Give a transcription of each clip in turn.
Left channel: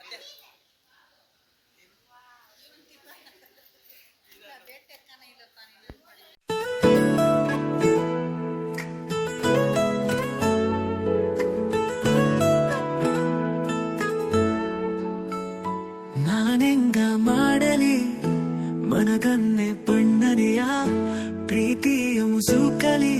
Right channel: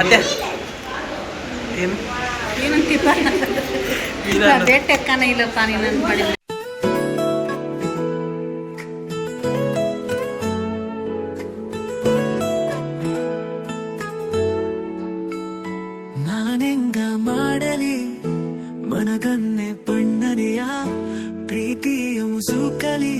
ಅದೇ ಏನು ಏನಂತೀಪ ಬೆಟ್ಟ ಎಕ್ಕಾನ ಇಲ್ಲಪ್ಪ ನೀನು ಮಾಡಿ ನಾನೆಂಗ ಮಾಡಲಿ ಮನಗನ್ನೆ ಬಣ್ಣನೆಯ ಪ್ರೀತಿಯ ಮುಸುಕಲಿ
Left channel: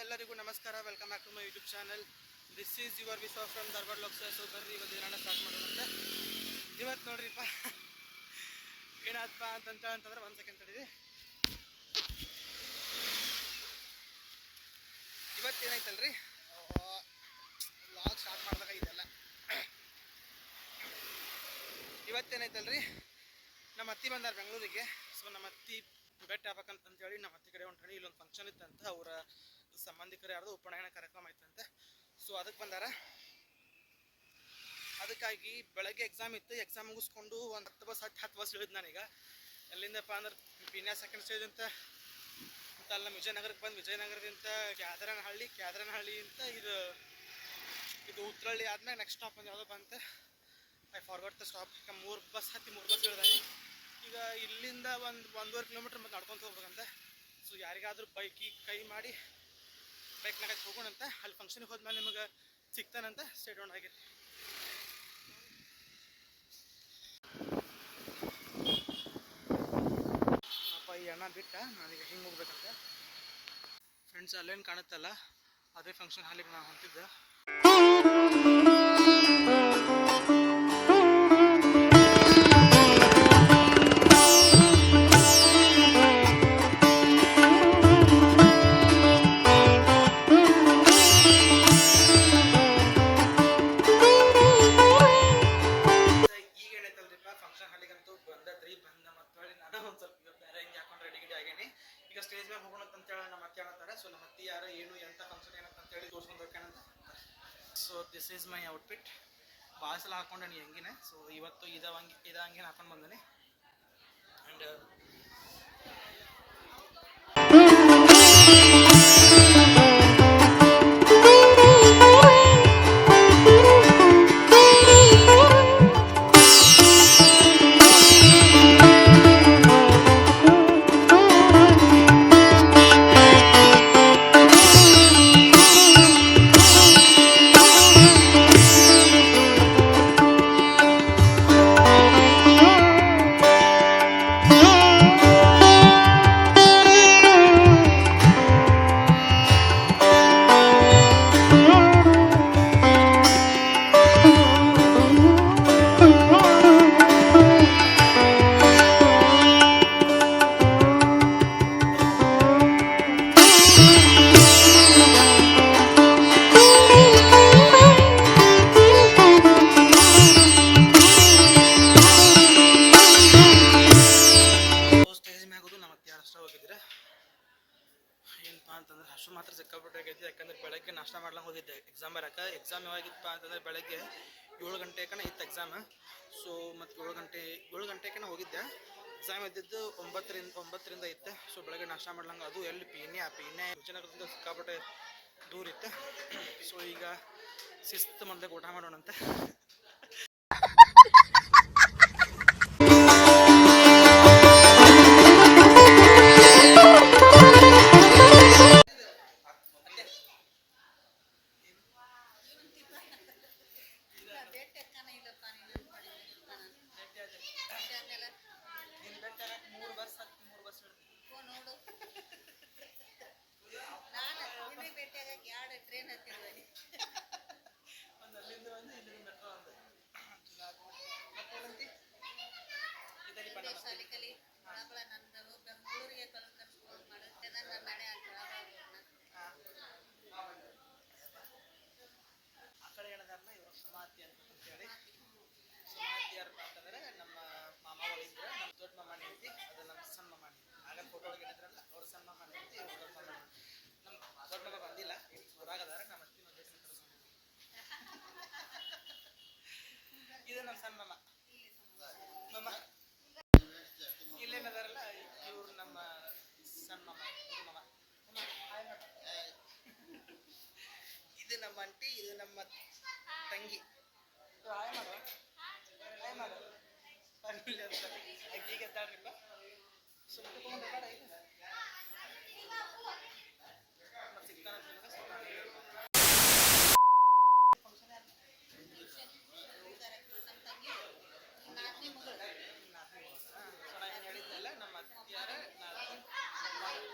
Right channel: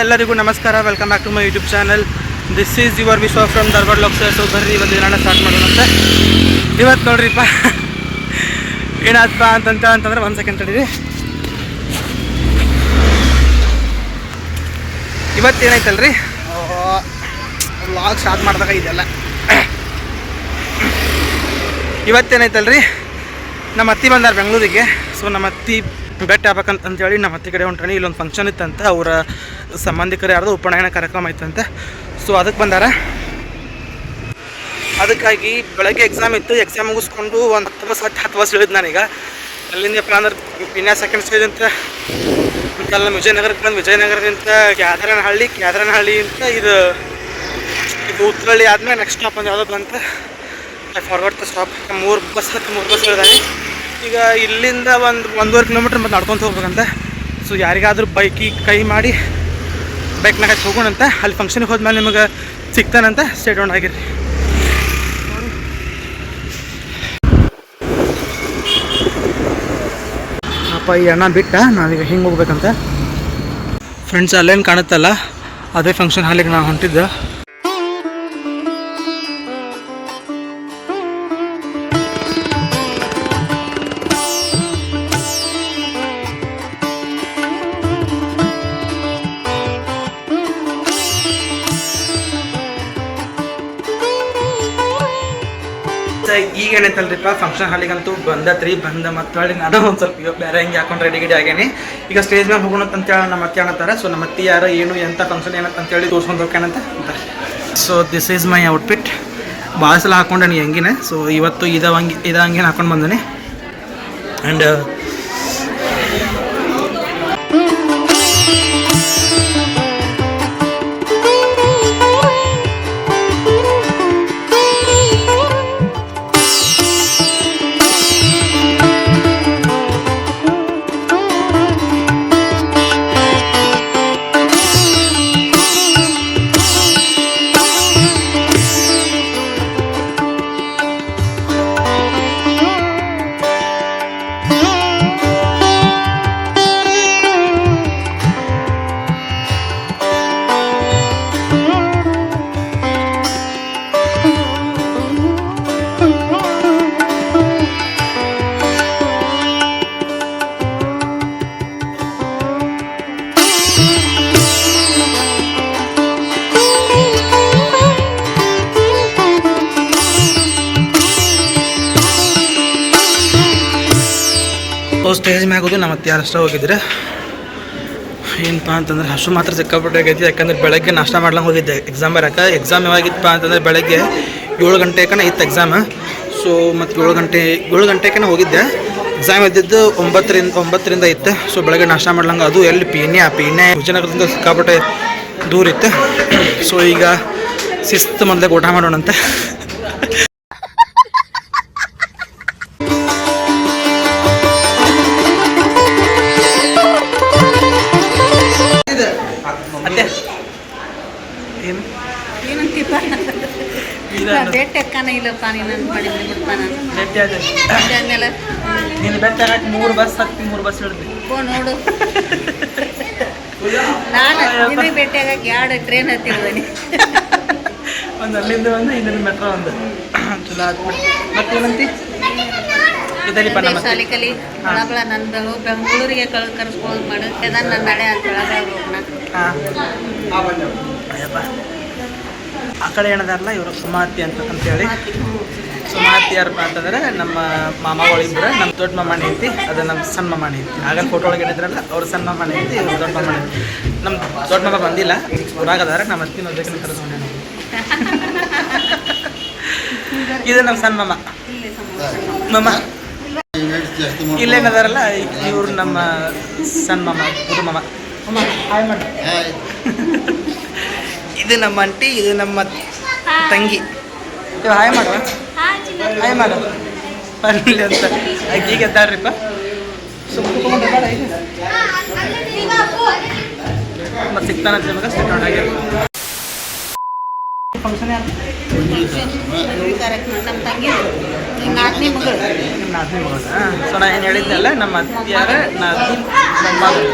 ಎಲ್ಲರಿಗೂ ನಮಸ್ಕಾರ. Welcome back to my YouTube channel. This is your Vishwa from Dharwad vlogs. So ಬರ್ರಿ ಇವತ್ತು ದಿನ ಸ್ಟಾರ್ಟ್ ಮಾಡೋಣ ಅಂತ. ಇವತ್ತು ನೋಡ್ರಿಪ್ಪ ಏನಾಯ್ತಪ್ಪ ಅಂತಂದ್ರೆ 1 ಸೆಕೆಂಡ್ ತಡೀರಿ. ಇವತ್ತೇನಾಯ್ತಲ್ರಿ ವ್ಲಾಗ್ ಸ್ಟಾರ್ಟ್ ಮಾಡಿದಾಗ ಇದೆಲ್ಲ ಇವತ್ತೇನಾಯ್ತಲ್ರಿ ನಮ್ಮ ಅತ್ತಿ ಬಂದಾರ ಬೆಂಗಳೂರಿಗೆ. ಸೊ ನಮ್ಮ ಅತ್ತಿ ಬೆಟ್ಟ ಆಗ್ಬೇಕಂತೇಳಿ ನಮ್ಮ ಅತ್ತಿ ಕಡೆ ಹೊಂಟ್ರಿ. ಇಲ್ಲೊಂದು ಫಂಕ್ಷನ್ ಇತ್ತಂತ, ಅವರ ಸಂಬಂಧಿಕರು ಯಾರ್ದು ಉಪನಯನ ಕಾರ್ಯಕ್ರಮ ಐತಂತೆ. ಸೊ ಅದಕ್ಕೆ ಬಂದಾರ. ಅದಕ್ಕಾಗಿ ಬೆಳಗ್ಗೆ ಎಕ್ಸಾಮ್ ಇತ್ತು. ಎಕ್ಸಾಮ್ ಮುಗಿಸ್ಕೊಂಡು ಒಂದು 10 ಬಸ್ ಇಳಿದು ನಾನೀಗ ಅಲ್ಲಿಂದಪ್ಪ ಅಂದ್ರೆ ಇನ್ನ ಸೆಕೆಂಡ್ ಸ್ಟೇಜ್ ಅಂತ ನಮ್ಮ ವಿಜಯನಗರಕ್ಕೆ ಬಂದು ವಿಜಯನಗರದಿಂದ ಕ್ಯಾದರನಹಳ್ಳಿ ಅಂತ ಇದು ಉತ್ತರಳ್ಳಿ ಆದಮೇಲೆ ನೆಕ್ಸ್ಟ್ ಸ್ಟಾಪ್ ಒಂದು ಯಾವುದೋ ಬಂತ I forward the stop. 3 bus ಇಳಿದಾನೆ. ಈಗ ಇಲ್ಲಿಂದ 1.5 ಕಿಲೋಮೀಟ್ರ್ ಮತ್ತೆ ನಡ್ಕೊತ ಹೋಗ್ಬೇಕಂತ. ಸೊ ಯಾರಿಗಾದ್ರೂ ಬೈಕಿಗೆ ಕೈ ಮಾಡಿ ಬೈಕ್ನಾಗ ಹೋಗೋಣಂತ. ಅಲ್ಲಿ ಫಂಕ್ಷನ್ಗೆ ಹೋದ್ಮೇಲೆ ನಿಮಗೆ ಸಿಗ್ತಾನಂತ. ಸ್ಟೇ ಡೌನ್ ಆಗಿರಿ. ಅಪ್ಪ ಈ ಅಣ್ಣ ಬಿಟ್ಟ ನಾವೀಗ ಹಿಂಗೆ ಹೋಗ್ಬೇಕಂತ. ಫ್ರೆಂಡ್ಸ್ ಅಲ್ಲೇನು ಕಾಣುತ್ತಲ್ಲ ಅದೇ ಫಂಕ್ಷನ್ ಹಾಲಿಗೆ ನಾನು ಹೊಂಟಿದ್ದೆ. ಈಗ ಏನೈತಲ್ರಿಪ್ಪ ಫಂಕ್ಷನ್ ಹಾಲಿಗಂತೂ ಬಂದ ಮತ್ತು ನಾನು ಒಂದು ಸ್ವಲ್ಪ ಬೇರೆ ಹೆಂಗೆ ಹಾಕೊಂಡು ರೆಡಿ ಆಗೇನಿ. ಈಗ ಸ್ಟೇಜ್ ಮೇಲೆ ಹೋಗೋಣ ಅಂತೇಳಿ ನಮ್ಮ ಅತ್ತಿ ಅನ್ನತ್ತಾರೆ. ಸೊ ನಮ್ಮ ಅತ್ತಿ ಯಾರು ಏನು ಎಂಥ ಫಂಕ್ಷನ್ ಏನಂತೇಳಿ ತೋರ್ಸ್ಕೊಂಡು ಹೋಗ್ಯಾನಂತ ಅಂತಾರೆ. So this is my outfit. ಭಾಳ ಸಲ ಹಾಕೊಂಡೆ ಹೆಂಗಿನೇ. ಸೊ ಇವತ್ತು ಇದಂಗೇನು ಹಾಕೊಂಡು ಬಂದೇನೆ. ಆ್ಯಂಡ್ ಸ್ಟೇಜ್ ಮ್ಯಾಗೋದು ನಮ್ಮ ಅತ್ತೆ ಯಾರಷ್ಟ ಹೋಗಿದ್ರೆ ಏನಪ್ಪ ಅಂತಂದ್ರೆ ಹಸು ಮಾತ್ರ ಸಿಕ್ಕಾಪಟ್ಟೆ ಆಗೈತಿ. ಯಾಕಂದ್ರೆ ಬೆಳಗ್ಗೆ ನಾಷ್ಟ ಮಾಡ್ಲಂಗೆ ಹೋಗಿದ್ದೆ ಎಕ್ಸಾಮ್ ಬರೋಕೆ. ಎಕ್ಸಾಮ್ ಯಾವಾಗಿತ್ತಪ್ಪ ಅಂತಂದರೆ ಬೆಳಗ್ಗೆ 7 ಗಂಟೆಗೆ ಇತ್ತು ಎಕ್ಸಾಮ್. ಸೊ ಮತ್ತು 7 ಗಂಟೆಗೆ ಹೋಗಿದ್ದೆ. ಎಕ್ಸಾಮ್ ಇದ್ದಿದ್ದು 9ರಿಂದ ಇತ್ತು. ಸೊ ಬೆಳಗ್ಗೆ ನಾಷ್ಟ ಮಾಡ್ಲಂಗೆ ಅದು ಎಲ್ಲಿ ಪೀಣ್ಯ ವಿಜಯನಗರದಿಂದ ಸಿಕ್ಕಾಪಟ್ಟೆ ದೂರ ಇತ್ತು. ಸೊ ಈಗ ಶಿಸ್ತು ಮೊದಲೇ ಊಟ ಮಾಡೋಣಂತೆ. ಏನಂತೀಪ ಬೆಟ್ಟ ಎಕ್ಕಾನ ಇಲ್ಲಪ್ಪ ನೀನು ಮಾಡಿ ಆದ್ಮೇಲೆ ನೀನು ಬೆಟ್ಟ 3 ಬಸ್ ಹತ್ತಿ 3 ಬಸ್ ಇಳಿದ್ವಿ. ನೋಡು ನಾನು ನಿಮಗೆ ಭೇಟಿಯಾಗಕ್ಕೆ 2 ಟ್ರೈನ್ ಹತ್ತಿರೋದನಿ. ಒಂದು ಅಲ್ಲಿಂದ ಒಂದು ಇಲ್ಲಿಂದ ಮೆಟ್ರೋ ಒಂದು ಚಲೋ ಆದ್ಬಿಟ್ಟು ಮತ್ತೇನಂತಿ ಇದರಿಪ್ಪ ನಮ್ಮ ಶಾಲೆ ಕಲಿ ಒಳಗಳ ನನ್ನ ಬೆಂಗಳೂರಿಗೆ ಕರ್ಸ್ಕೊಳ್ಳೋದು ಮಾಡೋದು ನನ್ನ ನಡೆ ಅಂತ ಹೇಳೋದು ಹೋಗೋಣ. ಅಯ್ಯಪ್ಪ ಆ ಕಡೆ ಏನದಾರಲ್ಲ ಇವರು ಸುಮಾತಿ ಅಂತೇಳಿ ಸೊ ಮಾತಿ ಯಾರಪ್ಪ ಅಂತಂದ್ರೆ ನಮ್ಮ ಮಾಮಗಳಿಬ್ಬರು, ನಮ್ಮ ದೊಡ್ಡ ಮಾಮನ ಐತಿ, ಅದು ನಮ್ಮ ಸಣ್ಣ ಮಾಮನ ಐತಿ. ಆಗ ಫೋಟೋ ಒಳಗೆ ಹೇಳಿದ್ರಲ್ಲ ಅವ್ರ ಸಣ್ಣ ಮಾಮನ ಐತಿ, ಇವ್ರು ದೊಡ್ಡ ಮಾಮನ ಐತಿ. ನಮ್ಮ ದೊಡ್ಡ ಮಾಮ ಬಂದಿಲ್ಲ, ಊರಾಗದಾರ. ನಮ್ಮ ಅತ್ತಿ ಮದ್ಬೇಕಂತ ಕರೆಸ್ಕೊಂಡೆ. ಇದು ನಮ್ಮ ಸಣ್ಣ ಮಾಮ. ಮಾಮ ಇಲ್ಲೇನದಾರಲ್ಲ ಇವ್ರು ನಮ್ಮ ಸಣ್ಣ ಮಾಮ, ಗುರು ಮಾಮ. ಹಾಯ್ ಮಾಡಿ. ಇದು ನಮ್ಮ ಅಂಟಿ, ಇದು ನಮ್ಮ ತಂಗಿ. ಇವ್ ಹಾಯ್ ಮಾಡುವ, ಹಾಯ್ ಮಾಡು ಬರಲಿ ಅಂತ. ಈಗ ಎದ್ದಾಡ್ರಿಪ್ಪ, ಮತ್ತೆ ಸಿಗ್ತಾನಂತ ನಿಮಗೆ ಸಿಕ್ಕೊಂಡು ಹಾಗೆ. ಫಂಕ್ಷನ್ ಯಾರು? ನಮ್ಮ ತಂಗಿ ನಾಲ್ಕನೇ ಮಗಳು. ನಾಲ್ಕನೇ ಮಗಳು. ಸೊ ನಾ ಏನು ಹೇಳಿದ್ನಲ್ಲ, ನಮ್ಮ ಅತ್ತಿಯಾರ ನಾಲ್ಕು ನಮ್ಮ ಮಗಳು.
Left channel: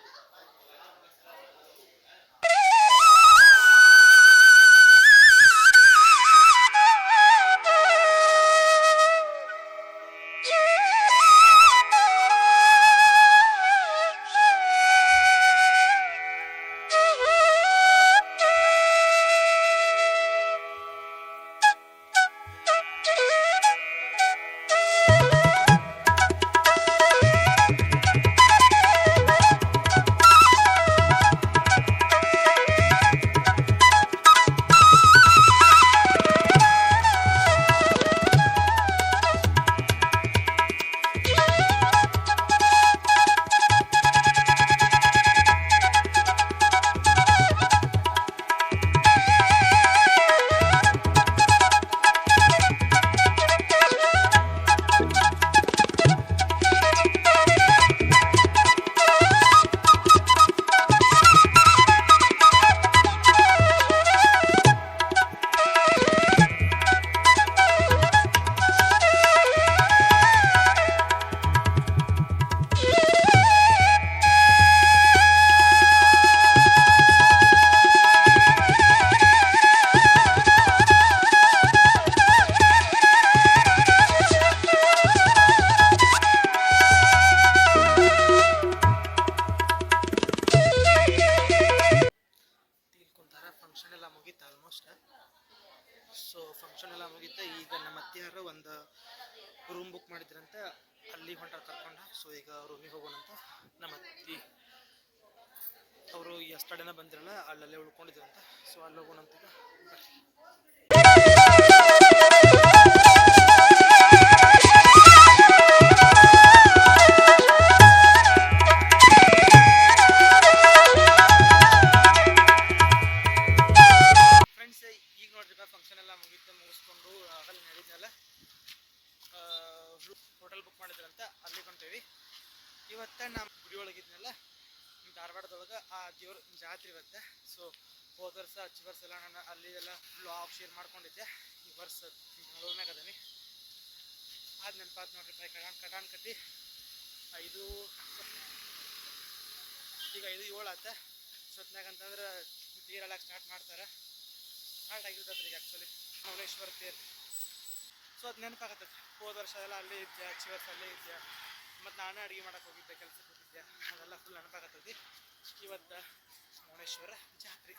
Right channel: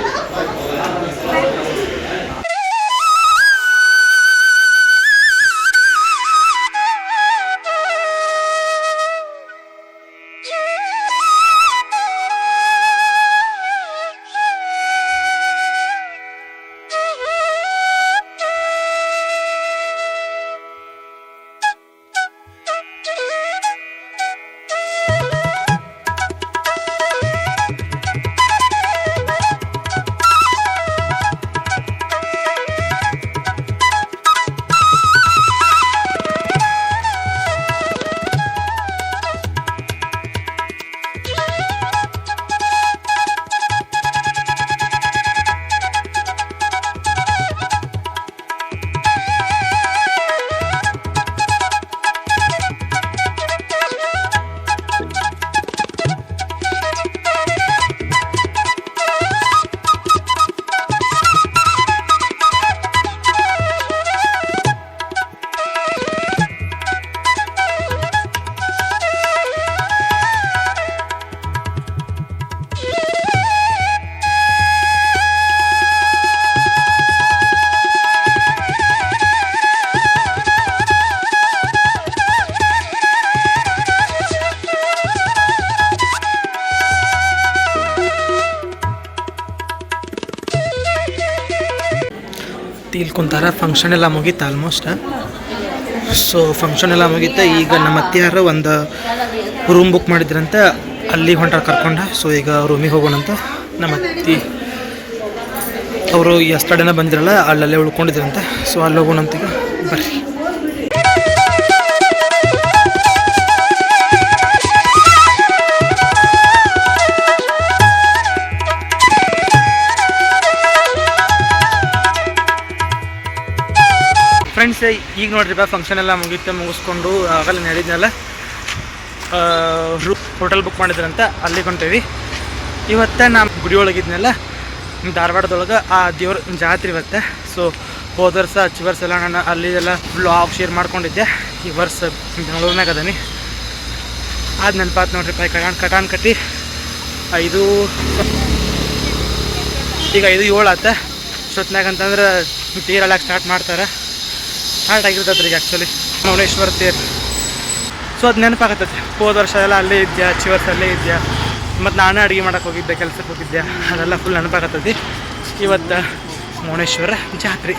ಇಲ್ಲಿ ಕುಂತಾರ. ಫಂಕ್ಷನ್ ಎಲ್ಲ ಮುಗೀತು ಆಲ್ಮೋಸ್ಟ್. ಸೊ ಫಂಕ್ಷನ್ ಎಲ್ಲ ಮುಗೀತು. ಈಗ ನಮ್ಮ ಅತ್ತಿಯಾರು ಒಂದು ರೂಮ್ ಬುಕ್ ಮಾಡಿದ್ರಂತೆ, ಅಲ್ಲಿಗೆ ಹೊಂಟಾರ ಕರ್ಕೊಂಡ. ಸೊ ಈಗ ರೂಮಿಗೆ ಹೋಗೋಣಂತ. ನಮ್ಮ ಅತ್ತಿ ಅವರು ಎಷ್ಟಡೇನ ಬಂದಿರಲ್ಲ, ಅಲ್ಲಲ್ಲೇ ಉಳ್ಕೊಂಡಿದ್ರಂತೆ. ಸೊ ಅಲ್ಲಿ ಹೋಗೋಣಂತ ಈಗ, ಬರ್ರಿ. ಫ್ರೆಂಡ್ಸ್, ಈಗ ನೋಡ್ರಿಪ್ಪ ಫಂಕ್ಷನ್ ಎಲ್ಲ ಮುಗಿಸ್ಕೊಂಡು ಆಗಲ್ಲ ಹೇಳಿದ್ನಲ್ಲ, ಹೋಟೆಲ್ ಬುಕ್ ಮಾಡಿದ್ರಂತ, ಅಲ್ಲಿಗೆ ಹೊಂಟೇವಿ. ಇವತ್ತು ನಾನು ಗುಡಿ ಒಳಗಿದ್ನಲ್ಲ ಧಾರವಾಡದೊಳಗೆ, ಆ ದೇವ್ರ ಜಾತ್ರೆ ಇವತ್ತು. ಸೊ ಹೋದ ವರ್ಷ ಹಚ್ಚ ವರ್ಷ ಎಲ್ಲ ನಾನು ಅಲ್ಲಿ ಎಲ್ಲ ವ್ಲಾಗ್ ಶೇರ್ ಮಾಡ್ಕೊಂಡಿದ್ದೆ. ಈ ವರ್ಷ ಬೆಂಗಳೂರಿನಾಗ ಅದೀನಿ. ಅದು ನೆನಪಾತು ನೋಡ್ರಿಪ್ಪ. ಕಟಾನ್ ಕಟ್ಟಿ ಈಗ 5-7 ಆತ. ಅಷ್ಟೊತ್ತಿನಾಗ ಅಂತಂದ್ರೆ ತೇರೆಲ್ಲ ಸ್ಟಾರ್ಟ್ ಮಾಡ್ತಾರೆ. ಸ್ಟಾರ್ಟ್ ಆಗಿರ್ತದೆ ಈಗ ಆ್ಯಕ್ಚುಲಿ ಮೌನೇಶ್ವರ ತೇರು. ಸೊ ಅದು ನೆನಪಾಗತ್ತೈತೆ. ಹೋದ ವರ್ಷ ಎಲ್ಲ ಅಲ್ಲೇ ಇದ್ದೆ, ಹಚ್ಚಿ ವರ್ಷ ಅಲ್ಲೇ ಇದ್ದೆ. ಮತ್ತು ನಾನೇ ಅಡುಗೆ ಮಾಡೋಕ್ಕೆ ಹೋಗಿದ್ದೆ, ಕೆಲಸಕ್ಕೆ ಹೋಗಿದ್ದೆ. ಅದೆಲ್ಲ ಫುಲ್ ನೆನಪಾಗತ್ತೈತಿ. ಇವತ್ತು ಮೌನೇಶ್ವರ ಜಾತ್ರೆ.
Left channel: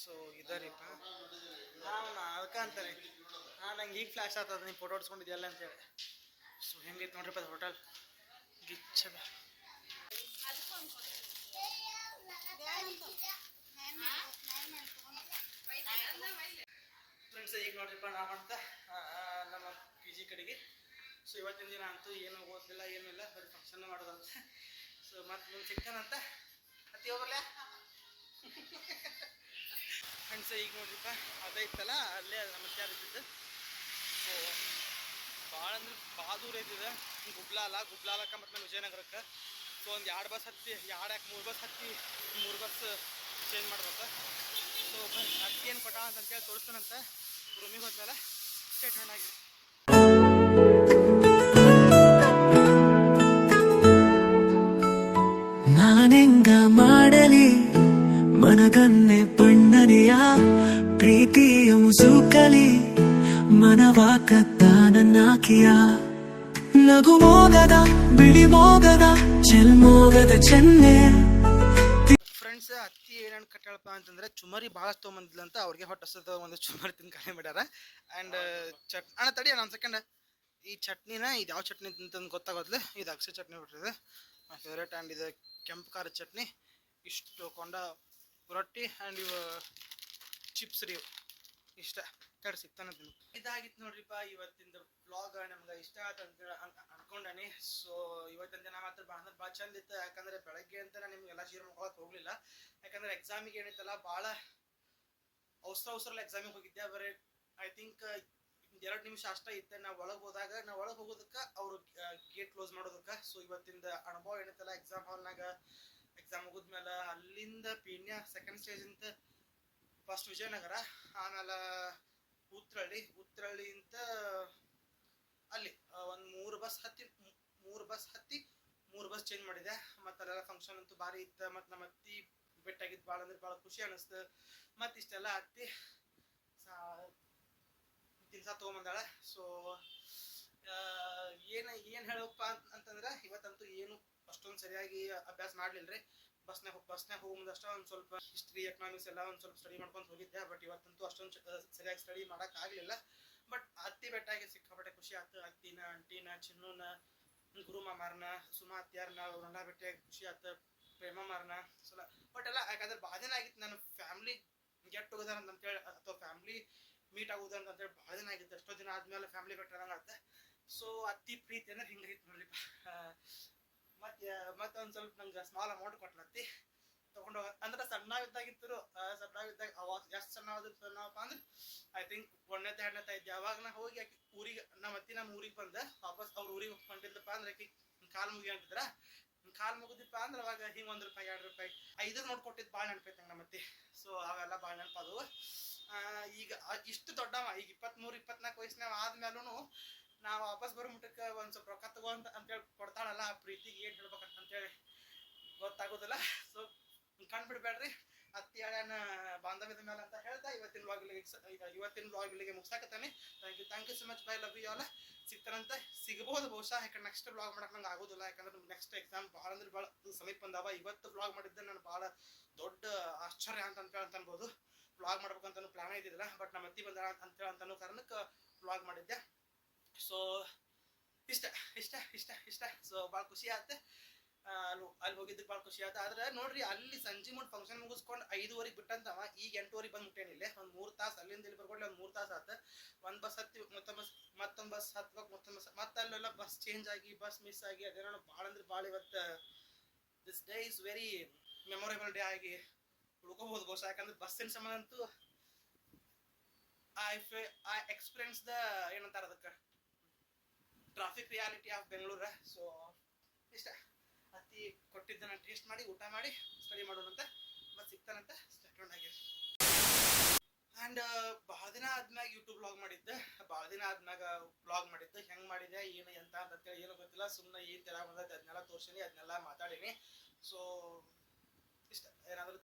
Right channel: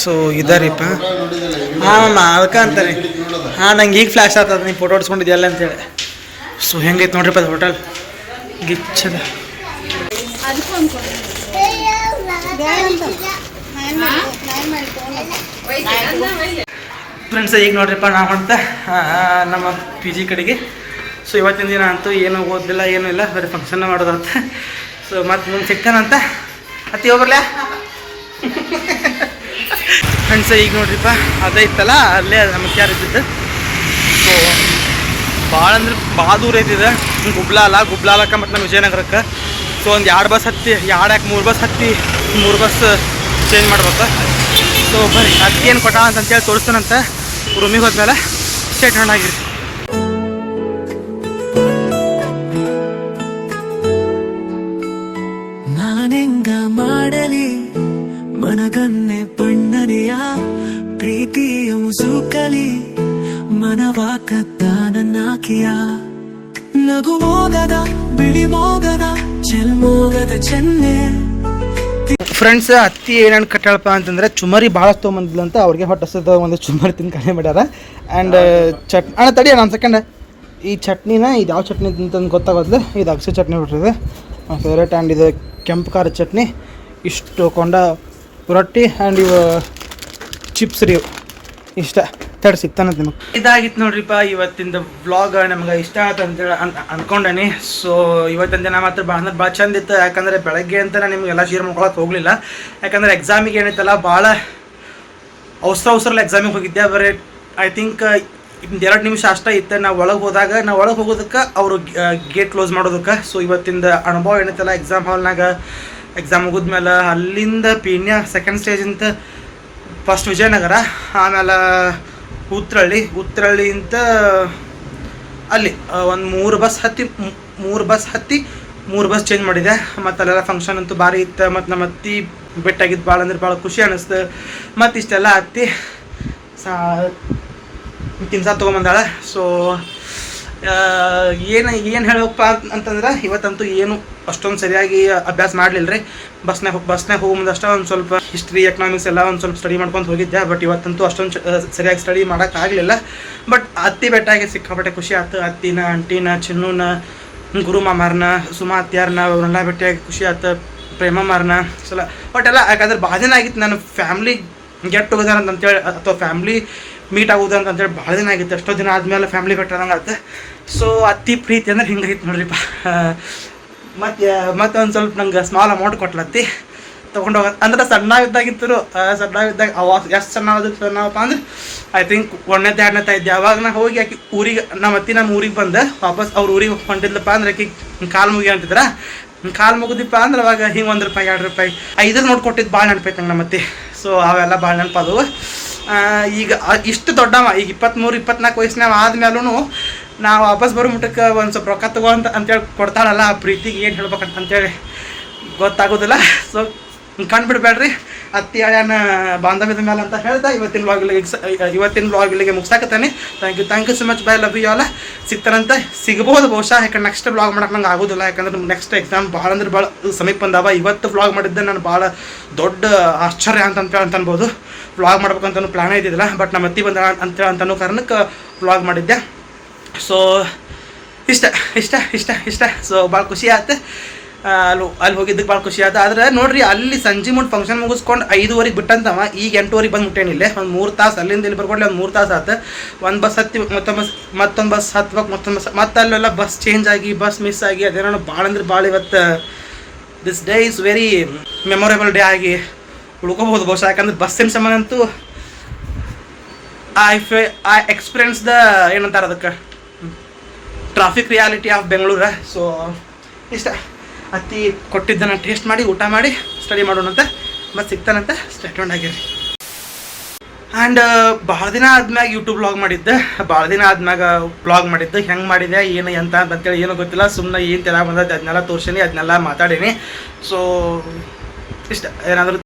ಸೊ ಇದಾರಿಪ್ಪ. ಹಾಂ ಮಾಮ ಅದಕ್ಕೆ ಅಂತಾರೆ. ಹಾಂ ನಂಗೆ ಈಗ ಫ್ಲ್ಯಾಶ್ ಆಗ್ತದೆ, ನೀವು ಫೋಟೋ ಹೊಡ್ಸ್ಕೊಂಡಿದ್ಯಲ್ಲ ಅಂತೇಳಿ. ಸೊ ಹೆಂಗೈತೆ ನೋಡ್ರಿಪ್ಪ ಅದು ಹೋಟೆಲ್ ಗಿಚ್ಚದ. ಫ್ರೆಂಡ್ಸ್ ಈಗ ನೋಡ್ರಿಪ್ಪ ನಾವು ಅಂತ ನಮ್ಮ ಪಿ ಜಿ ಕಡೆಗೆ. ಸೊ ಇವತ್ತಿನ ದಿನ ಅಂತೂ ಏನು ಓದಿಲ್ಲ ಏನೂ ಇಲ್ಲ, ಬರೀ ಫಂಕ್ಷನ್ ಮಾಡೋದಂತ. ಸೊ ಮತ್ತೆ ಮುಂದೆ ಸಿಗ್ತಾನಂತ ಅತ್ತಿ ಹೋಗ್ಬರ್ಲ ಫ್ರೆಂಡ್ಸ್. ಈಗ ನೋಡ್ರಿಪ್ಪ ಅದೇ ಇತ್ತಲ್ಲ ಅಲ್ಲೇ ನಮಗೆ ಯಾರು ಇದ್ದಿದ್ದು. ಸೊ ಭಾಳ ಅಂದ್ರೆ ಭಾಳ ದೂರ ಐತಿದೆ. ಗುಬ್ಲಾಲಕ್ಕೆ ಮತ್ತು ನಮ್ಮ ವಿಜಯನಗರಕ್ಕೆ. ಸೊ ಒಂದು 2 ಬಸ್ ಹತ್ತಿ 3 ಬಸ್ ಹತ್ತಿ 3 ಬಸ್ ಚೇಂಜ್ ಮಾಡ್ಬೇಕು. ಸೊ ಬರ್ರಿ ಅದಕ್ಕೇನು ಕೊಟ್ಟ ಅಂತೇಳಿ ತೋರಿಸ್ತಾನಂತ. ರೂಮಿಗೆ ಹೋದ್ಮೇಲೆ ಸ್ಟೇಟ್ ಹಣ್ಣು ಆಗಿರಿ. ನಾನೆಂಗ ಮಾಡಲಿ ಮನಗನ್ನೆ ಬಣ್ಣನೆಯ ಪ್ರೀತಿಯ ಮುಸುಕಲಿ ಮನವಾಕತ್ತ ನನ್ನಾಕಿಯ ಲಘು ಮೋಗದ ಬಿಳಿ ಮೋಗದ ಚೆಲ್ಮೋಗದ ಚೆನ್ನೆ. ಫ್ರೆಂಡ್ಸ್ ಅತ್ತಿ ಏನೇನು ಕಟ್ಟಾಳಪ್ಪ ಅಂತಂದರೆ ಚುಮರಿ ಭಾಳ ತೊಗೊಂಬಂದಿಲ್ಲ ಅಂತ ಅವ್ರಿಗೆ ಹೊಟ್ಟಸದ ಒಂದು ಚುಮರಿ ತಿಂದು ಕಡಿಮೆ ಮಾಡ್ಯಾರ. ಆ್ಯಂಡ್ ಅಣ್ಣ ತಡಿ ನಾನು ಸೆಕೆಂಡ್ ಈ ಚಟ್ನಿನ ಇದು ಯಾವ ಚಟ್ನಿ ಅಂತಂದು ಗೊತ್ತಾಗೋದ್ಲು. ಇದು ಅಗಸೆ ಚಟ್ನಿ ಬಿಟ್ಟಿದೆ ನನ್ನ ಫೇವ್ರೇಟ್. ಆ್ಯಂಡ್ ಇದು ಕೆಂಪು ಖಾರದ ಚಟ್ನಿ, ಇಷ್ಟು ಕೊಂಡ ರೊಟ್ಟಿ ಆ್ಯಂಡ್ ಇವು ಚಿಪ್ಸ್ ರೀ ಇಷ್ಟ ತಡಿ ಸಿಗ್ತಾನಂತ ನಿಮಗೆ. ಇದಾಗಿತ್ತು ನೋಡ್ರಿಪ್ಪ ಇವತ್ತಿಂದ ವ್ಲಾಗ್. ನಮ್ಗೆ ಇಷ್ಟ ಆಯ್ತು ಅಂತೇಳಿ ಅಂದ್ಕೊಂಡೇನಿ. ಸೊ ಇವತ್ತಿನ ದಿನ ಮಾತ್ರ ಭಾಳ ಚಂದ ಇತ್ತು. ಯಾಕಂದರೆ ಬೆಳಗ್ಗೆ ಅಂತ ನಾನು ನಿಮಗೆಲ್ಲ ಶೇರ್ ಮಾಡ್ಕೊಳಕ್ಕೆ ಹೋಗಲಿಲ್ಲ. ಯಾಕಂದರೆ ಎಕ್ಸಾಮಿಗೆ ಏನೈತಲ್ಲ ಭಾಳ ಅವಸರಲ್ಲ ಎಕ್ಸಾಮಿಗೆ ಹೋಗಿದ್ದೆ. ಬರೀ ಐ ಥಿಂಕ್ 2 ನಿಮಿಷ ಅಷ್ಟೇ ಇತ್ತು ನಾವು ಒಳಗೆ ಹೋದಾಗ. ನಾವು ಒಳಗೆ ಹೋಗೋದಕ್ಕೆ ಅವರು ಗೇಟ್ ಕ್ಲೋಸ್ ಮಾಡೋದಕ್ಕೆ. ಸೊ ಇವತ್ತಿಂದ ಅನುಭವ ಏನೈತಲ್ಲ ಎಕ್ಸಾಮ್ ಹಾಲ್ನಾಗ ಎಕ್ಸಾಮ್ ಮುಗಿದ್ಮೇಲೆ ಅಲ್ಲಿಂದ ಪೀಣ್ಯ ಸೆಕೆಂಡ್ ಸ್ಟೇಜಿಂದ ಫಸ್ಟ್ ವಿಜಯನಗರ, ಆಮೇಲೆ ಉತ್ರಳ್ಳಿಂದ ಅಲ್ಲಿ ಒಂದು 3 ಬಸ್ ಚೇಂಜ್ ಮಾಡಿದೆ. ಮತ್ತು ಅಲ್ಲೆಲ್ಲ ಫಂಕ್ಷನ್ ಅಂತೂ ಭಾರಿ ಇತ್ತು. ಮತ್ತು ನಮ್ಮ ಅತ್ತಿ ಬೆಟ್ಟಾಗಿದ್ದು ಭಾಳ ಅಂದ್ರೆ ಭಾಳ ಖುಷಿ ಅನ್ನಿಸ್ತು. ಮತ್ತು ಇಷ್ಟೆಲ್ಲ ಅತ್ತಿ ತಿನ್ಸ ತೊಗೊಂಬಂದಾಳೆ. ಸೊ ಏನು ಹೇಳೋಪ್ಪ ಅಂತಂದ್ರೆ ಇವತ್ತಂತೂ ಏನು ಅಷ್ಟೊಂದು ಸರಿಯಾಗಿ ಅಭ್ಯಾಸ ಮಾಡಲಿಲ್ಲ ರೀ. ಬಸ್ನಾಗ ಹೋಗೋ ಮುಂದೆ ಅಷ್ಟೇ ಒಂದು ಸ್ವಲ್ಪ ಹಿಸ್ಟ್ರಿ ಎಕನಾಮಿಕ್ಸ್ ಎಲ್ಲ ಒಂದು ಸ್ವಲ್ಪ ಸ್ಟಡಿ ಮಾಡ್ಕೊಂಡು ಹೋಗಿದ್ದೆ. ಬಟ್ ಇವತ್ತಂತೂ ಅಷ್ಟೊಂದು ಸರಿಯಾಗಿ ಸ್ಟಡಿ ಮಾಡೋಕ್ಕಾಗಲಿಲ್ಲ. ಬಟ್ ಅತ್ತಿ ಬೆಟ್ಟಾಗಿ ಸಿಕ್ಕಾಪಟ್ಟೆ ಖುಷಿ ಆಯ್ತು. ಅತ್ತಿನ ಅಂಟಿನ ಚಿನ್ನೂನ ಗುರು ಮಾಮಾರನ್ನ ಸುಮಾ ಅತ್ಯಾರನ್ನ ಅವರೆಲ್ಲ ಭೇಟಿಯಾಗಿ ಖುಷಿ ಆಯ್ತು. ಪ್ರೇಮ ಮಾರನ್ನ ಸಲ ಒಟ್ಟೆಲ್ಲ. ಯಾಕಂದ್ರೆ ಭಾಳ ದಿನ ಆಗಿತ್ತು ನಾನು ಫ್ಯಾಮ್ಲಿ ಗೆಟ್ ಟುಗೆದರ್ ಅಂತೇಳಿ ಅಥವಾ ಫ್ಯಾಮ್ಲಿ ಮೀಟ್ ಆಗೋದು ಅಂತೇಳಿ ಭಾಳ ದಿನ ಆಗಿತ್ತು. ಎಷ್ಟೋ ದಿನ ಆದಮೇಲೆ ಫ್ಯಾಮ್ಲಿ ಬೆಟ್ಟದಂಗೆ ಆಯ್ತು. ಸೊ ಅತ್ತಿ ಪ್ರೀತಿ ಅಂದ್ರೆ ಹಿಂಗಾಗಿತ್ತು ನೋಡ್ರಿಪ್ಪ. ಮತ್ತು ಒಂದು ಸ್ವಲ್ಪ ನಂಗೆ ಸ್ಮಾಲ್ ಅಮೌಂಟ್ ಕೊಟ್ಲತ್ತಿ ತೊಗೊಂಡೋಗ. ಅಂದ್ರೆ ಸಣ್ಣವಿದ್ದಾಗಿತ್ತು. ಸಣ್ಣವಿದ್ದಾಗ ಅವಾಗ ಎಷ್ಟು ಸಣ್ಣಪ್ಪ ಅಂದ್ರೆ ಐ ಥಿಂಕ್ 1ನೇ 2ನೇ ಇದ್ದೆ. ಅವಾಗ ನಾ ಹೋಗಿ ಆಕೆ ಊರಿಗೆ ನಮ್ಮ ಊರಿಗೆ ಬಂದು ವಾಪಸ್ ಅವ್ರ ಊರಿಗೆ ಹೊಂಟಿದ್ಲಪ್ಪ ಅಂದ್ರೆ ಆಕೆ ಕಾಲು ಮುಗಿ ಅಂತಿದ್ರ. ಕಾಲು ಮುಗಿದಿಪ್ಪ ಅಂದ್ರೆ ಅವಾಗ ಹಿಂಗೆ 1 ರೂಪಾಯಿ 2 ರೂಪಾಯಿ 5 ನೋಟ್ ಕೊಟ್ಟಿದ್ದು ಭಾಳ ನೆನಪೈತೆ ನಂಗೆ ನಮ್ಮತ್ತಿ. ಸೊ ಅವೆಲ್ಲ ಭಾಳ ನೆನಪದವು. ಈಗ ಇಷ್ಟು ದೊಡ್ಡವ ಈಗ 23-24 ವಯಸ್ಸಿನಾಗ ಆದ್ಮೇಲೂ ನಾವು ವಾಪಸ್ ಬರೋ ಮುಟ್ಟಕ್ಕೆ ಒಂದು ಸ್ವಲ್ಪ ರೊಕ್ಕ ತಗೋ ಅಂತೇಳಿ ಕೊಡ್ತಾಳಲ್ಲ. ಆ ಪ್ರೀತಿಗೆ ಏನು ಹೇಳ್ಬೇಕಂತೇಳಿ ಗೊತ್ತಾಗೋದಿಲ್ಲ. ಸೊ ಕಂಡುಬಿಡ್ಬೇಡ್ರಿ ಅತ್ತಿ ಹಳ್ಯಾನ ಬಾಂಧವ್ಯದ ಮೇಲೆ ಅಂತ ಹೇಳ್ತಾ ಇವತ್ತಿನ ವ್ಲಾಗ್ ಇಲ್ಲಿಗೆ ಮುಗಿಸಾಕತ್ತಾನೆ. Thank you so much. Bye, love you all. ಸಿಗ್ತಾರಂತ ಸಿಗ್ಬೋದು ಬಹುಶಃ. ಯಾಕಂದ್ರೆ ನೆಕ್ಸ್ಟ್ ವ್ಲಾಗ್ ಮಾಡಕ್ಕೆ ನಂಗೆ ಆಗೋದಿಲ್ಲ. ಯಾಕಂದ್ರೆ ನೆಕ್ಸ್ಟ್ ಎಕ್ಸಾಮ್ ಭಾಳ ಅಂದ್ರೆ ಭಾಳ ಸಮೀಪ ಬಂದಾವ. ಇವತ್ತು ವ್ಲಾಗ್ ಮಾಡಿದ್ದೆ ನಾನು ಭಾಳ ದೊಡ್ಡ ಆಶ್ಚರ್ಯ ಅಂತ ಅನ್ಬೋದು. ವ್ಲಾಗ್ ಮಾಡ್ಬೇಕಂತನೂ ಪ್ಲ್ಯಾನ್ ಇದ್ದಿದ್ದಿಲ್ಲ. ಬಟ್ ನಮ್ಮ ಅತ್ತಿ ಬಂದ ಅಂತನೂ ಕಾರಣಕ್ಕೆ ವ್ಲಾಗ್ ಮಾಡಿದ್ದೆ. ಸೊ ಇಷ್ಟ. ಸೊ ಭಾಳ ಖುಷಿ ಆಯ್ತು. ಅಲ್ಲಿ ಹೋಗಿದ್ದಕ್ಕೆ ಭಾಳ ಖುಷಿ ಆಯ್ತು. ಆದ್ರೆ ನೋಡ್ರಿ ಅಲ್ಲಿ ಸಂಜೆ ಮುಂದೆ ಫಂಕ್ಷನ್ ಮುಗಿಸ್ಕೊಂಡು 5:00 ಬಿಟ್ಟಂತವ ಈಗ 8:00 ಬಂದು ಮುಟ್ಟೇನಿಲ್ಲ. ಒಂದು 3 ತಾಸು ಅಲ್ಲಿಂದ ಇಲ್ಲಿ ಬರ್ಕೊಡ್ಲಿ ಒಂದು 3 ತಾಸು ಆಯ್ತು. ಒಂದು ಬಸ್ ಹತ್ತಿ ಮತ್ತೊಂದು ಬಸ್ ಹತ್ಬೇಕು. ಮತ್ತೊಂದು ಬಸ್ ಮತ್ತೆ ಅಲ್ಲೆಲ್ಲ ಬಸ್ ಚೇಂಜ್ ಆಗಿ ಬಸ್ ಮಿಸ್ ಆಗಿ ಅದೇನೋ ಭಾಳ ಅಂದ್ರೆ ಭಾಳ ಇವತ್ತು this day is very memorable day ಆಗಿ ಉಳ್ಕೋಬೋದು ಬಹುಶಃ. ಯಾಕಂದ್ರೆ ಬಸ್ಸಿನ ಸಂಬಂಧ ಅಂತೂ ಐ ಎಕ್ಸ್ಪೀರಿಯನ್ಸ್ ದ ಏನಂತಾರೆ ಅದಕ್ಕೆ traffic reality of Bengaluru. So ಇಷ್ಟ. ಅತ್ತಿ ಕೊಟ್ಟಿದ್ದನ್ನು ಟೇಸ್ಟ್ ಮಾಡಿ ಊಟ ಮಾಡಿ ಸ್ಟಡಿ ಮಾಡೋಣಂತ ಮತ್ತು ಸಿಗ್ತಾನಂತ ಸ್ಟೇಟ್ಮೆಂಟ್ ಆಗಿರಿ. ಆ್ಯಂಡ್ ಭಾಳ ದಿನ ಆದ್ಮ್ಯಾಗ ಯೂಟ್ಯೂಬ್ ವ್ಲಾಗ್ ಮಾಡಿದ್ದೆ. ಭಾಳ ದಿನ ಆದ್ಮ್ಯಾಗ ವ್ಲಾಗ್ ಮಾಡಿದ್ದೆ. ಹೆಂಗೆ ಮಾಡಿದೆ ಏನು ಎಂತ ಅಂತೇಳಿ ಏನೂ ಗೊತ್ತಿಲ್ಲ. ಸುಮ್ಮನೆ ಏನು ತೆಲ ಬಂದದ್ದು ಅದನ್ನೆಲ್ಲ ತೋರ್ಸೀನಿ, ಅದನ್ನೆಲ್ಲ ಮಾತಾಡೀನಿ. ಸೊ ಇಷ್ಟ. ಏನಾದರೂ